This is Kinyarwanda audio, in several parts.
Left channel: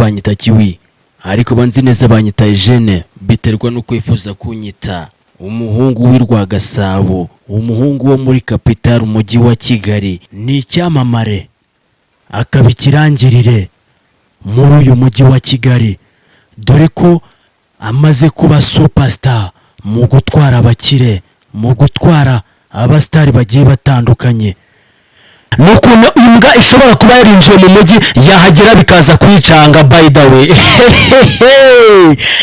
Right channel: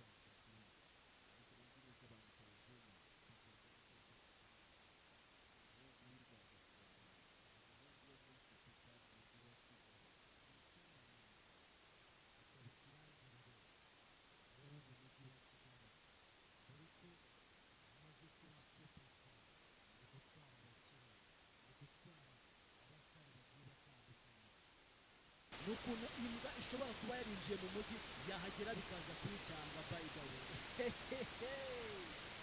banyita Kiwi ariko banzi neza banyita Eugene biterwa no kwifuza kunyita umuhungu w'Irwa Gasabo, umuhungu wo muri capital umujyi wa Kigali, ni icyamamare akabikirangirire muri uyu mujyi wa Kigali, dore ko amaze kuba superstar mu gutwara abakire, mu gutwara abastari bagiye batandukanye. Nukuntu imbwa ishobora kuba yarinjiye mu mujyi yahagera bikaza kwicanga. By the way,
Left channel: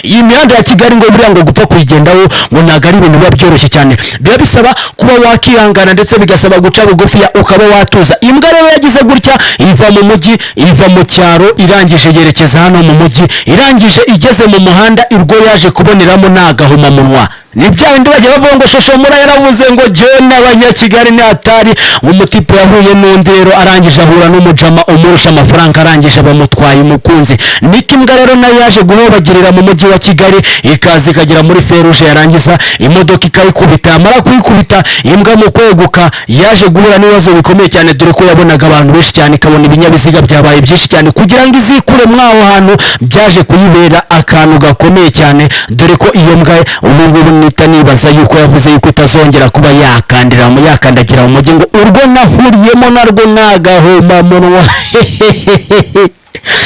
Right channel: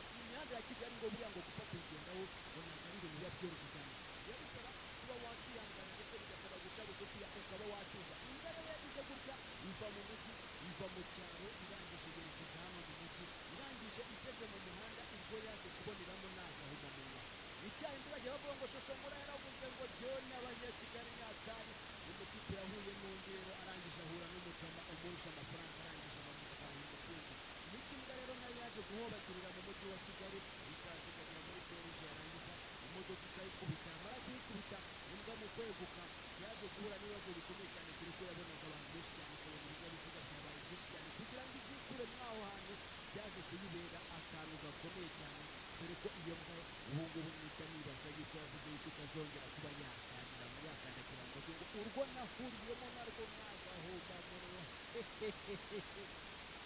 iyi mihanda ya Kigali ngo buriya ngo gupfa kuyigendaho ngo ntago ari ibintu biba byoroshye cyane, biba bisaba kuba wakihangana ndetse bigasaba guca bugufi ukaba watuza. Imbwa rero yagize gutya, iva mu mujyi, iva mu cyaro, irangije yerekeza hano mu mujyi, irangije igeze mu muhanda irwo yaje kuboneramo nagahuma munwa. Ni byandi bajya bavuga ngo Shoshomura yaravuze ngo John abanyakigali ni atari, umutipe yahuye n'undi rero arangije ahura n'umujama umurusha amafaranga, arangije bamutwaye umukunzi. Niki imbwa rero nayo yaje guhobagirira mu mujyi wa Kigali, ikaza ikagera muri feruje, yarangiza imodoka ikayikubita. Amara kuyikubita, imbwa mu kweguka yaje guhura n'ibibazo bikomeye cyane, dore ko yabonaga abantu benshi cyane, ikabona ibinyabiziga byabaye byinshi cyane, kugira ngo izikure mwaho hantu byaje kuyibera akantu gakomeye cyane, dore ko iyo mbwa ubu nibaza yuko yavuze yuko itazongera kuba yakandagira mu mujyi, ngo urwo nahuriyemo narwo nagahoma munwa.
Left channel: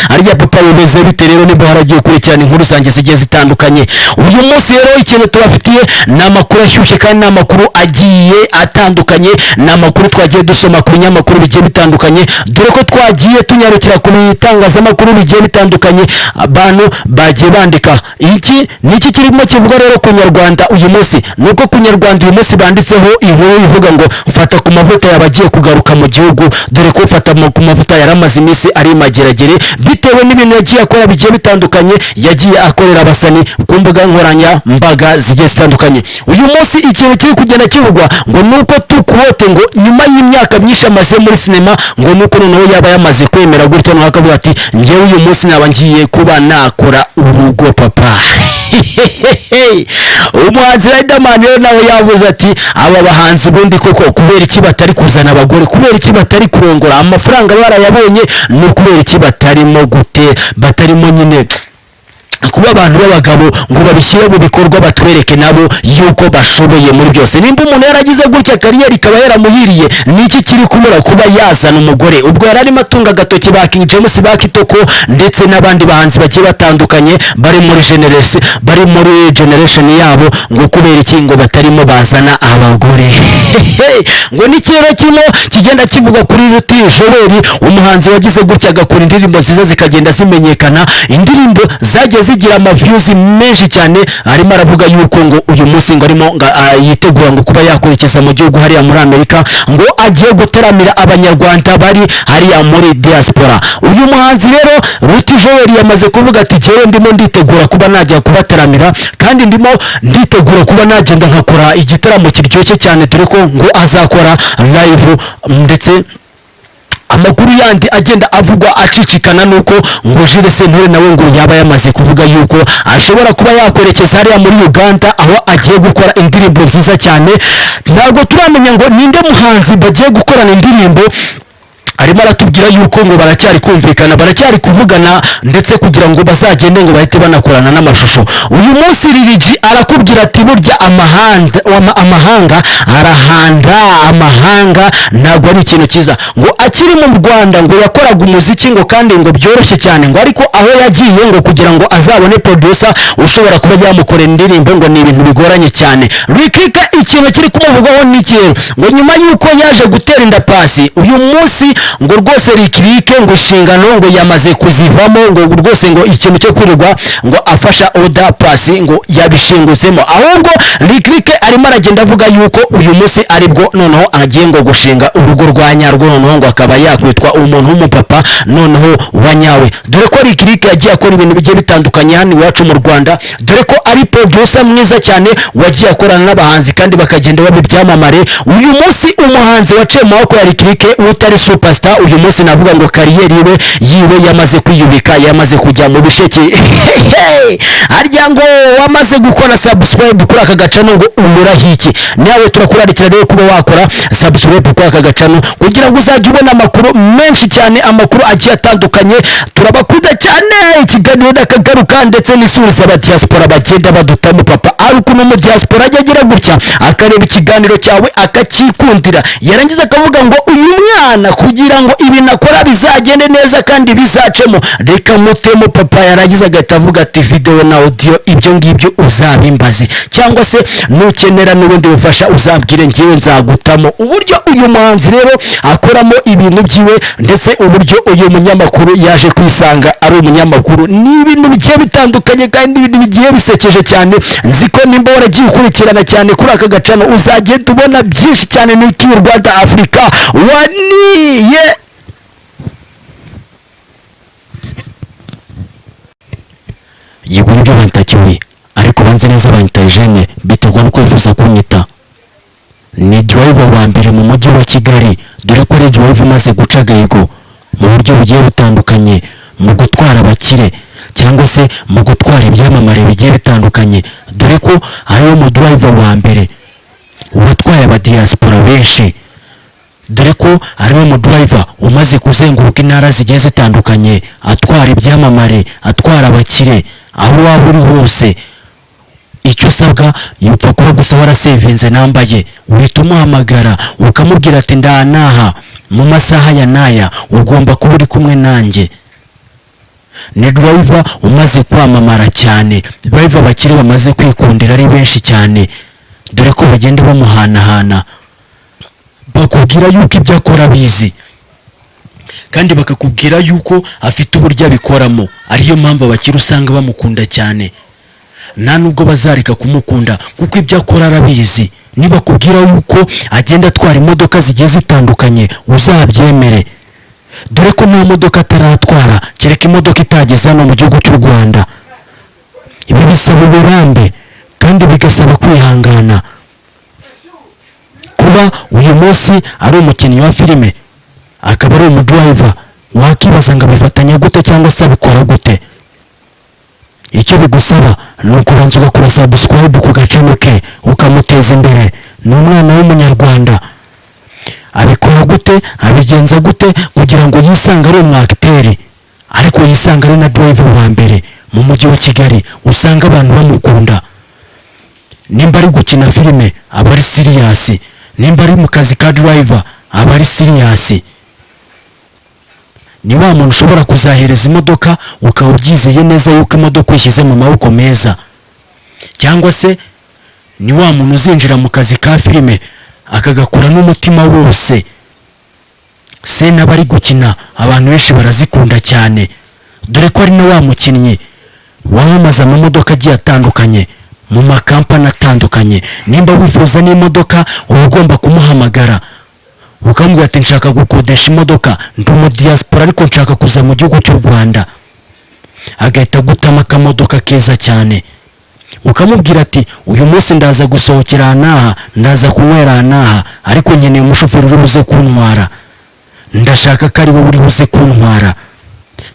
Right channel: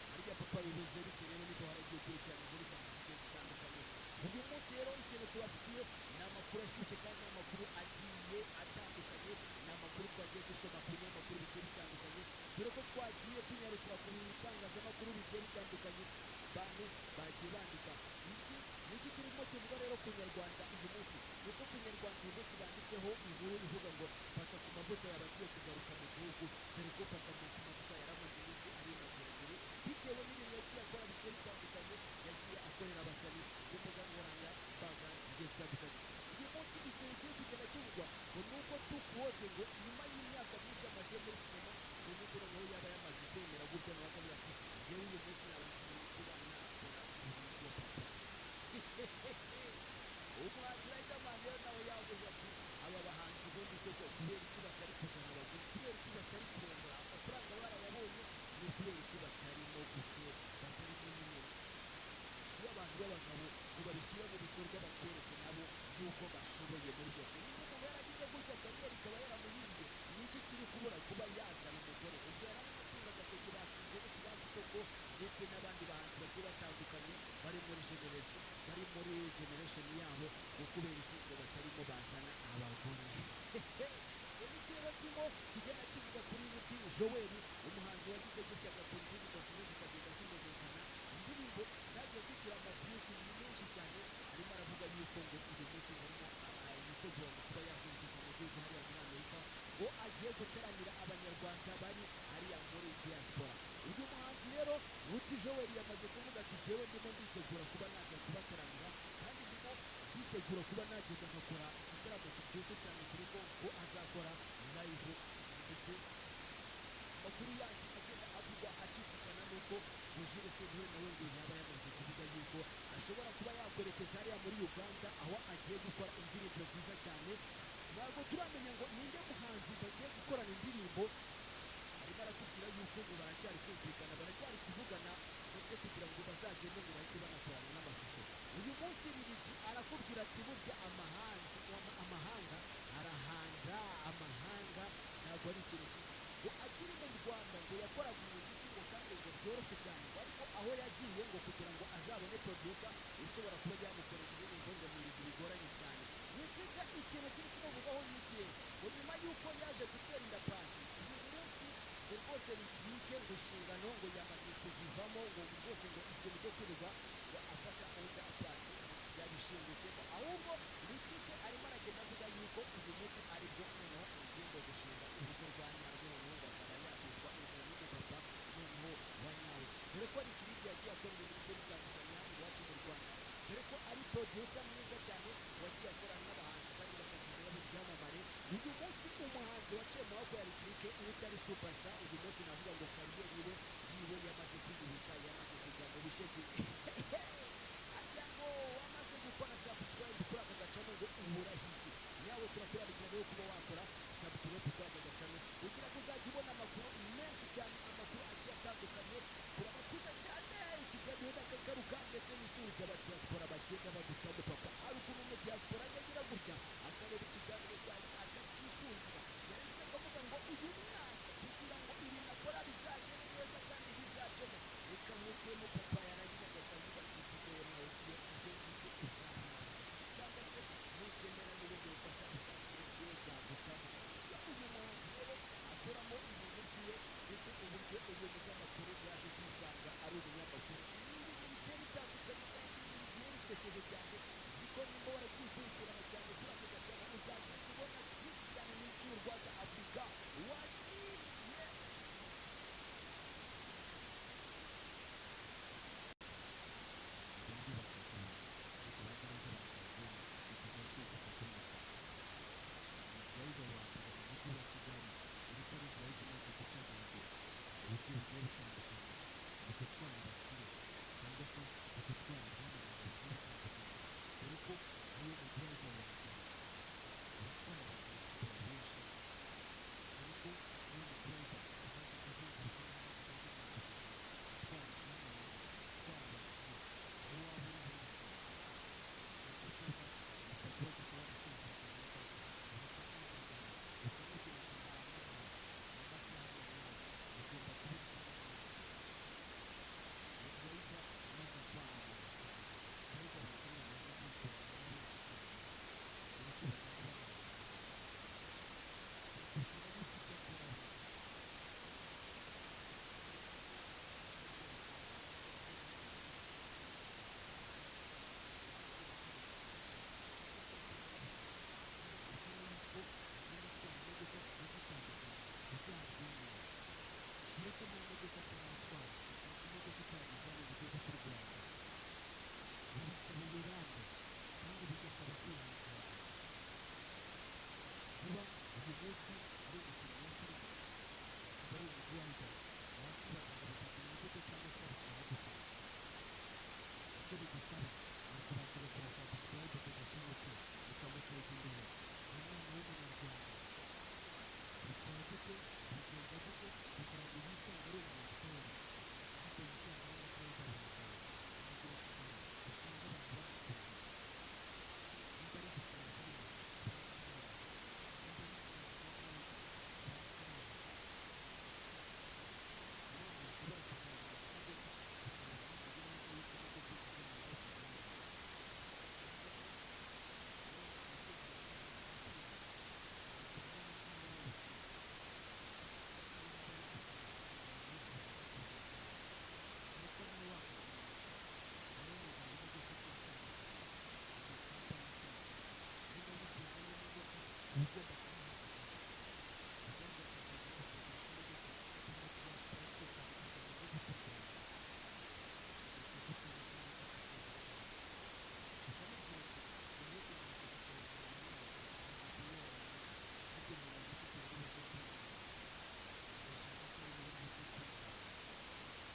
Arya papa bimeze bite rero? Niba haragiye kurikirana inkuru zanjye zigiye zitandukanye, uyu munsi rero ikintu tubafitiye ni amakuru ashyushye kandi ni amakuru agiye atandukanye, ni amakuru twagiye dusoma ku binyamakuru bigiye bitandukanye, dore ko twagiye tunyarukira ku bitangazamakuru bigiye bitandukanye, abantu bagiye bandika. Iki niki kirimo kivuga rero ku Nyarwanda uyu munsi? Nuko ku Nyarwanda uyu munsi banditseho inkuru ivuga ngo fata ku mavuta yabagiye kugaruka mu gihugu, dore ko fata ku mavuta yaramaze iminsi ari mageragere bitewe n'ibintu yagiye akora bigiye bitandukanye, yagiye akorera abasani ku mbuga nkoranyambaga zigiye zitandukanye. Uyu munsi ikintu kiri kugenda kivugwa ngo nuko tukuwote ngo nyuma y'imyaka myinshi amaze muri sinema, ngo nuko noneho yaba yamaze kwemera gutya no akavuga ati ngewe uyu munsi naba ngiye kuba nakora urugo papa. Umuhanzi Riderman rero nawe yavuze ati aba bahanzi ubundi koko kubera iki batari kuzana abagore, kubera iki batari kurongora, amafaranga barayabonye, no kubera iki batarimo gute, batarimo nyine kuba abantu b'abagabo ngo babishyire mu bikorwa, batwereke nabo yuko bashoboye muri byose. Nimba umuntu yaragize gutya kariyeri ikaba yaramuhiriye, niki kiri kumura kuba yazana umugore? Ubwo yararimo atunga agatoki ba King James, ba Kitoko ndetse n'abandi bahanzi bagiye batandukanye bari muri generation yabo, ngo kubera iki ngo batarimo bazana abagore. Ngo nikiro kino kigenda kivuga kuri Ruti Joel, umuhanzi wagize gutya agakora indirimbo nziza zikagenda zimenyekana, indirimbo zagiye zigira views menshi cyane. Arimo aravuga yuko ngo uyu munsi ngo arimo yitegura ngo kuba yakurikiza mu gihugu hariya muri Amerika, ngo agiye gutaramira abanyarwanda bari hariya muri diaspora. Uyu muhanzi rero Ruti Joel yamaze kuvuga ati jewe ndimo nditegura kuba najya kubataramira, kandi ndimo nditegura kuba nagenda nkakora igitaramo kiryoshye cyane, dore ko ngo azakora live. Ndetse amakuru yandi agenda avugwa acicikana nuko ngo Jules Sentore nawe ngo yaba yamaze kuvuga yuko ashobora kuba yakwerekeza hariya muri Uganda, aho agiye gukora indirimbo nziza cyane. Ntabwo turamenya ngo ninde muhanzi bagiye gukorana indirimbo, arimo aratubwira yuko ngo baracyari kumvikana, baracyari kuvugana, ndetse kugira ngo bazagende ngo bahite banakorana n'amashusho. Uyu munsi Lil arakubwira ati burya amahanga arahanda, amahanga ntabwo ari ikintu cyiza. Ngo akiri mu Rwanda ngo yakoraga umuziki ngo kandi ngo byoroshye cyane, ngo ariko aho yagiye ngo kugira ngo azabone producer ushobora kuba yamukorera indirimbo ngo ni ibintu bigoranye cyane. Rikika ikintu kiri kumuvugaho n'ikintu ngo nyuma yuko yaje gutera inda Pasi, uyu munsi ngo rwose Rikirike ngo inshingano ngo yamaze kuzivamo, ngo rwose ngo ikintu cyo kwirirwa ngo afasha Oda Pasi ngo yabishinguzemo, ahubwo Rikirike arimo aragenda avuga yuko uyu munsi aribwo noneho agiye ngo gushinga urugo rwa nyarwo, noneho ngo akaba yakwitwa umuntu w'umupapa noneho wanyawe, dore ko Rikirike yagiye akora ibintu bigiye bitandukanye hano iwacu mu Rwanda, dore ko ari producer mwiza cyane wagiye akorana n'abahanzi kandi bakagenda babibyamamare. Uyu munsi umuhanzi waciye mu maboko ya Rikirike utari super superstar uyu munsi navuga ngo kariyeri yiwe yamaze kwiyubika, yamaze kujya mu bisheke. Harya ngo wamaze gukora subscribe kuri aka gacano ngo umura hiki, nawe turakurarikira rero kuba wakora subscribe kuri aka gacano kugira ngo uzajye ubona amakuru menshi cyane, amakuru agiye atandukanye. Turabakunda cyane, ikiganiro nakagaruka ndetse n'isuri z'aba diaspora bagenda badutamo papa ari ukuntu mu diaspora agira gutya akareba ikiganiro cyawe akakikundira, yarangiza akavuga ngo uyu mwana kugira ngo ibi nakora bizagende neza kandi bizacemo reka mutemo papa, yarangiza agahita avuga ati video na audio ibyo ngibyo uzabimbaze, cyangwa se nukenera n'ubundi bufasha uzabwire ngiye nzagutamo. Uburyo uyu muhanzi rero akoramo ibintu byiwe ndetse uburyo uyu munyamakuru yaje kwisanga ari umunyamakuru ni ibintu bigiye bitandukanye kandi ibintu bigiye bisekeje cyane. Nziko nimba waragiye ukurikirana cyane kuri aka gacano uzagenda ubona byinshi cyane n'iki Rwanda Africa waniye yego nibyo bantakiwe, ariko banze neza banyita Eugene biterwa no kwifuza kunyita. Ni driver wa mbere mu mujyi wa Kigali, dore ko ari driver umaze guca agahigo mu buryo bugiye butandukanye mu gutwara abakire cyangwa se mu gutwara ibyamamare bigiye bitandukanye, dore ko ariwe mu driver wa mbere watwaye aba diaspora benshi, dore ko ariwe mu driver umaze kuzenguruka intara zigiye zitandukanye atwara ibyamamare, atwara abakire aho waba uri hose. Icyo usabwa yupfa kuba gusa warasevinze nambaye, uhita umuhamagara ukamubwira ati ndanaha mu masaha ya naya ugomba kuba uri kumwe nanjye. Ni driver umaze kwamamara cyane, driver bakiri bamaze kwikundira ari benshi cyane, dore ko bagenda bamuhanahana bakubwira yuko ibyo akora bizi kandi bakakubwira yuko afite uburyo abikoramo, ariyo mpamvu abakiri usanga bamukunda cyane. Nta nubwo bazareka kumukunda kuko ibyo akora arabizi. Niba kubwira yuko agenda atwara imodoka zigiye zitandukanye uzabyemere, dore ko nta modoka ataratwara kereka imodoka itageze hano mu gihugu cy'u Rwanda. Ibi bisaba uburambe kandi bigasaba kwihangana. Kuba uyu munsi ari umukinnyi wa filime akaba ari umudriver, wakibaza ngo abifatanya gute cyangwa se abikora gute? Icyo bigusaba ni ukubanza ugakora subscribe ku gacano ke ukamuteza imbere. Ni umwana w'umunyarwanda, abikora gute, abigenza gute kugira ngo yisange ari umwakiteri ariko yisanga ari na driver wa mbere mu mujyi wa Kigali, usanga abantu bamukunda. Nimba ari gukina filime aba ari serious, nimba ari mu kazi ka driver aba ari serious. Ni wa muntu ushobora kuzahereza imodoka ukaba ubyizeye neza yuko imodoka uyishyize mu maboko meza, cyangwa se ni wa muntu uzinjira mu kazi ka filime akagakora n'umutima wose. Se n'abari gukina abantu benshi barazikunda cyane, dore ko ari na wa mukinnyi wamamaza mu modoka agiye atandukanye mu makampani atandukanye. Nimba wifuza n'imodoka uba ugomba kumuhamagara ukamubwira ati nshaka gukodesha imodoka, ndi mu diaspora ariko nshaka kuza mu gihugu cy'u Rwanda, agahita gutama akamodoka keza cyane. Ukamubwira ati uyu munsi ndaza gusohokera anaha, ndaza kunywera anaha, ariko nkeneye umushoferi uri buze kuntwara, ndashaka ko ari wowe uri buze kuntwara.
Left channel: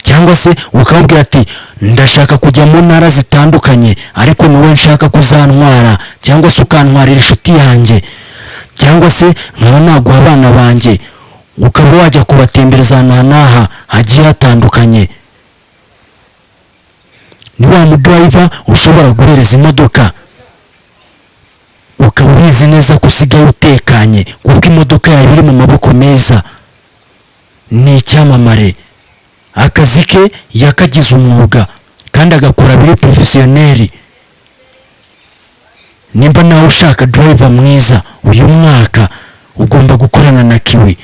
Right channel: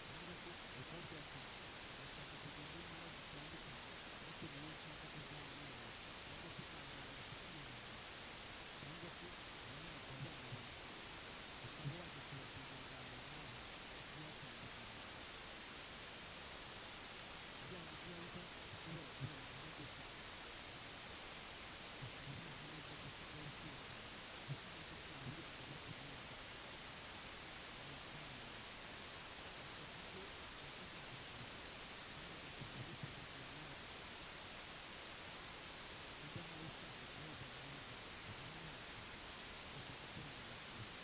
Cyangwa se ukamubwira ati ndashaka kujya mu ntara zitandukanye ariko niwe nshaka kuzantwara, cyangwa se ukantwarira inshuti yanjye, cyangwa se nkaba naguha abana banjye ukaba wajya kubatembereza anaha hagiye hatandukanye. Ni wa mudriver ushobora guhereza imodoka ukaba ubizi neza ko usigaye utekanye kuko imodoka yawe iri mu maboko meza. Ni icyamamare, akazi ke yakagize umwuga kandi agakora biri professionnel. Nimba nawe ushaka driver mwiza uyu mwaka ugomba gukorana na Kiwi.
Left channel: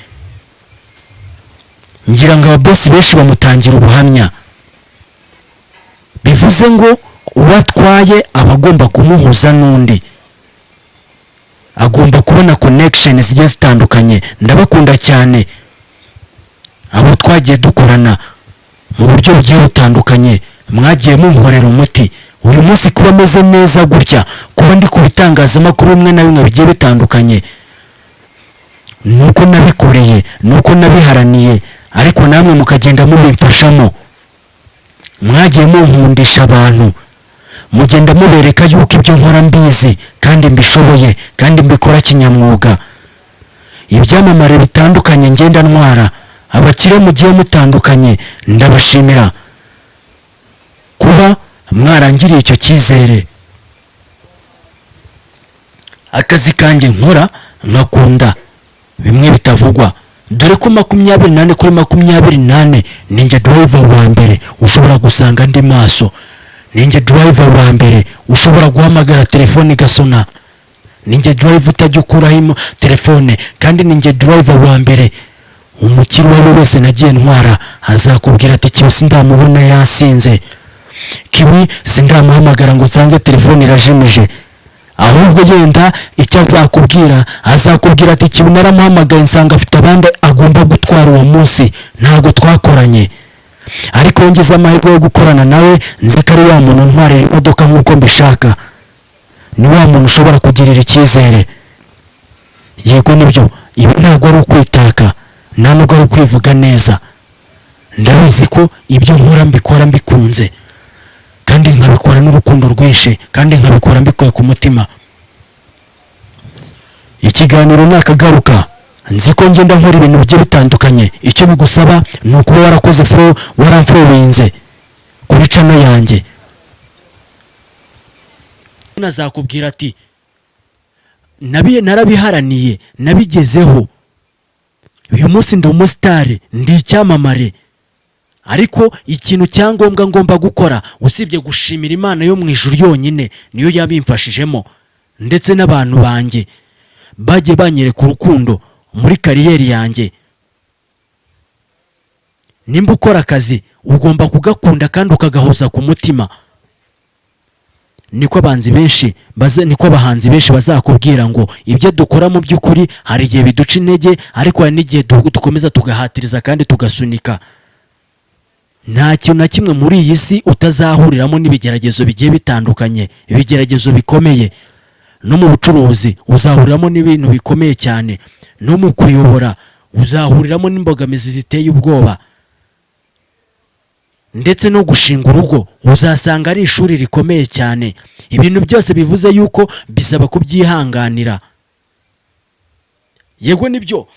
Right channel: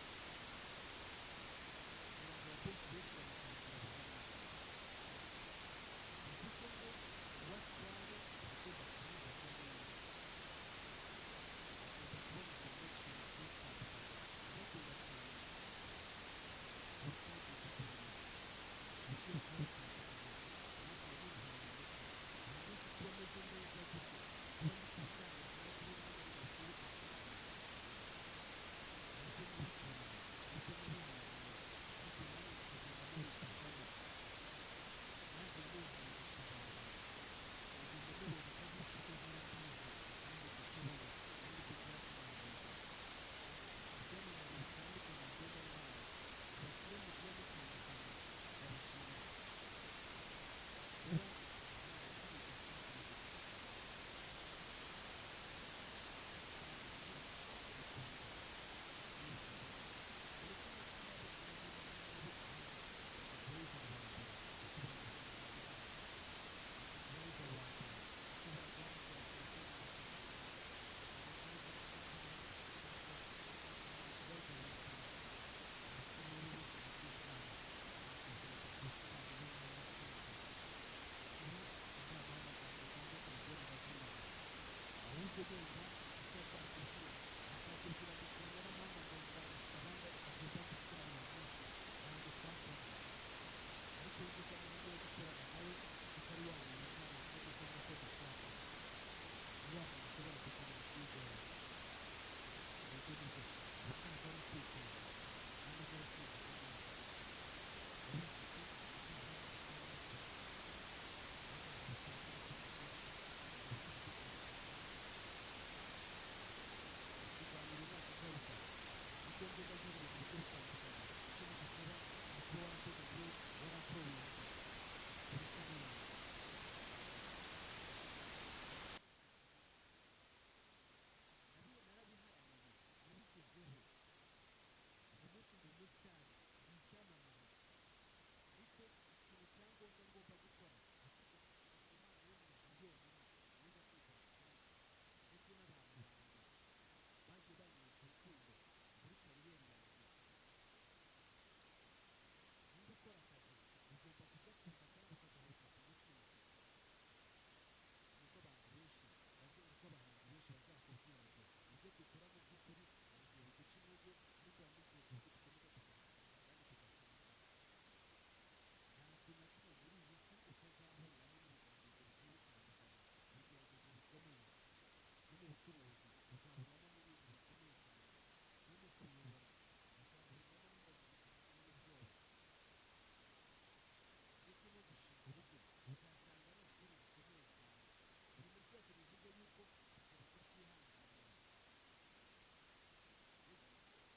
Ngira ngo ababosi benshi bamutangira ubuhamya, bivuze ngo uwatwaye abagomba kumuhuza n'undi, agomba kubona connection zigiye zitandukanye. Ndabakunda cyane abo twagiye dukorana mu buryo bugiye butandukanye, mwagiye munkorera umuti. Uyu munsi kuba ameze neza gutya, kuba ndi ku bitangazamakuru bimwe na bimwe bigiye bitandukanye, nuko nabikoreye, nuko nabiharaniye, ariko namwe mukagenda mubimfashamo. Mwagiye munkundisha abantu, mugenda mubereka yuko ibyo nkora mbizi kandi mbishoboye kandi mbikora kinyamwuga. Ibyamamare bitandukanye ngenda ntwara, abakire mugiye mutandukanye, ndabashimira kuba mwarangiriye icyo cyizere. Akazi kanjye nkora nkakunda bimwe bitavugwa, dore ko 24 kuri 24 ninjye driver wa mbere ushobora gusanga ndi maso, ninjye driver wa mbere ushobora guhamagara telefone igasona, ninjye driver utajya ukuraho telefone, kandi ninjye driver wa mbere umukiri wawe wese nagiye ntwara azakubwira ati Kibi sindamubona yasinze, Kibi sindamuhamagara ngo nsange telefone irajimije. Ahubwo yenda icyo azakubwira ati Kibi naramuhamagaye nsanga afite abandi agomba gutwara uwo munsi, ntago twakoranye. Ariko ngeze amahirwe yo gukorana nawe, nzi ko ari wa muntu ntwarira imodoka nk'uko mbishaka, ni wa muntu ushobora kugirira icyizere. Yego nibyo, ibi ntago ari ukwitaka, nta nubwo ari ukwivuga neza. Ndabizi ko ibyo nkora mbikora mbikunze, kandi nkabikora n'urukundo rwinshi, kandi nkabikora mbikuye ku mutima. Ikiganiro nakagaruka, nzi ko ngenda nkora ibintu bigiye bitandukanye. Icyo bigusaba ni ukuba warakoze waramfollowinze kuri channel yanjye. Nazakubwira ati narabiharaniye, nabigezeho, uyu munsi ndi umusitari, ndi icyamamare. Ariko ikintu cyangombwa ngomba gukora usibye gushimira Imana yo mu ijuru yonyine, niyo yabimfashijemo, ndetse n'abantu banjye bagiye banyereka urukundo muri kariyeri yanjye. Nimba ukora akazi ugomba kugakunda kandi ukagahuza ku mutima. Niko abahanzi benshi bazakubwira ngo ibyo dukora mu by'ukuri hari igihe biduca intege, ariko hari n'igihe dukomeza tugahatiriza kandi tugasunika. Nta kintu na kimwe muri iyi si utazahuriramo n'ibigeragezo bigiye bitandukanye, ibigeragezo bikomeye. No mu bucuruzi uzahuriramo n'ibintu bikomeye cyane, no mu kuyobora uzahuriramo n'imbogamizi ziteye ubwoba, ndetse no gushinga urugo uzasanga ari ishuri rikomeye cyane. Ibintu byose bivuze yuko bisaba kubyihanganira. Yego nibyo,